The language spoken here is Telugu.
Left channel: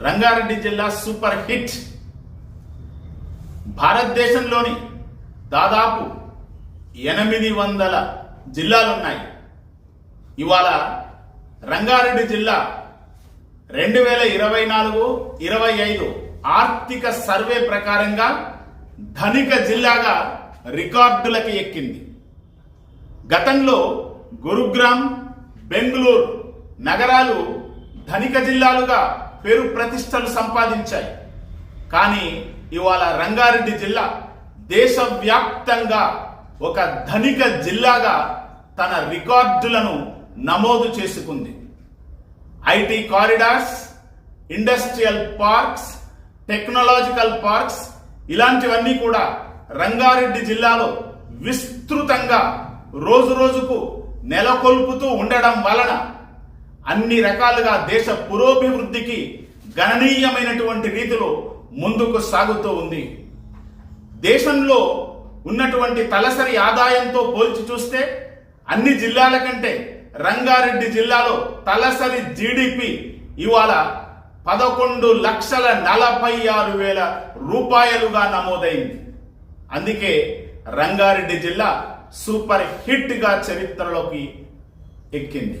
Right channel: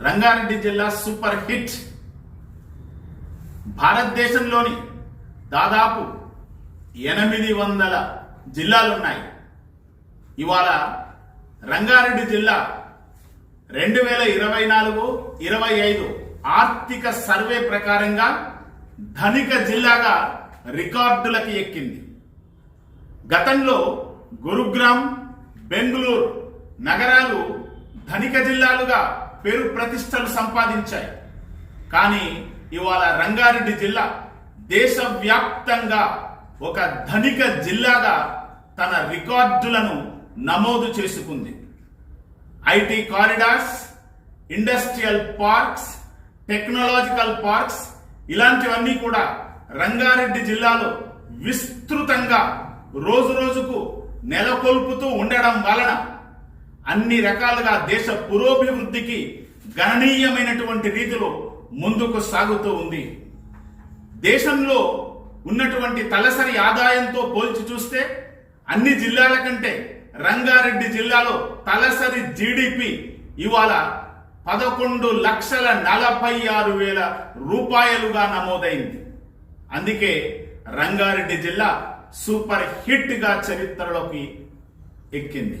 రంగారెడ్డి జిల్లా సూపర్ హిట్. భారతదేశంలోని దాదాపు ఎనిమిది వందల జిల్లాలున్నాయి. ఇవాళ రంగారెడ్డి జిల్లా రెండు వేల ఇరవై నాలుగు ఇరవై ఐదు ఆర్థిక సర్వే ప్రకారంగా ధనిక జిల్లాగా రికార్డులకి ఎక్కింది. గతంలో గురుగ్రామ్ బెంగళూరు నగరాలు ధనిక జిల్లాలుగా పేరు ప్రతిష్టలు సంపాదించాయి. కానీ ఇవాళ రంగారెడ్డి జిల్లా దేశవ్యాప్తంగా ఒక ధనిక జిల్లాగా తన రికార్డులను నమోదు చేసుకుంది. IT corridors industrial parks technological parks ఇలాంటివన్నీ కూడా రంగారెడ్డి జిల్లాలో విస్తృతంగా రోజు రోజుకు నెలకొల్పుతూ ఉండడం వలన అన్ని రకాలుగా దేశ పురోభివృద్ధికి గణనీయమైనటువంటి రీతిలో ముందుకు సాగుతూ ఉంది. దేశంలో ఉన్నటువంటి తలసరి ఆదాయంతో పోల్చి చూస్తే అన్ని జిల్లాల కంటే రంగారెడ్డి జిల్లాలో తలసరి జీడిపి ఇవాళ పదకొండు లక్షల నలభై ఆరు వేల రూపాయలుగా నమోదైంది. అందుకే రంగారెడ్డి జిల్లా సూపర్ హిట్గా చరిత్రలోకి ఎక్కింది.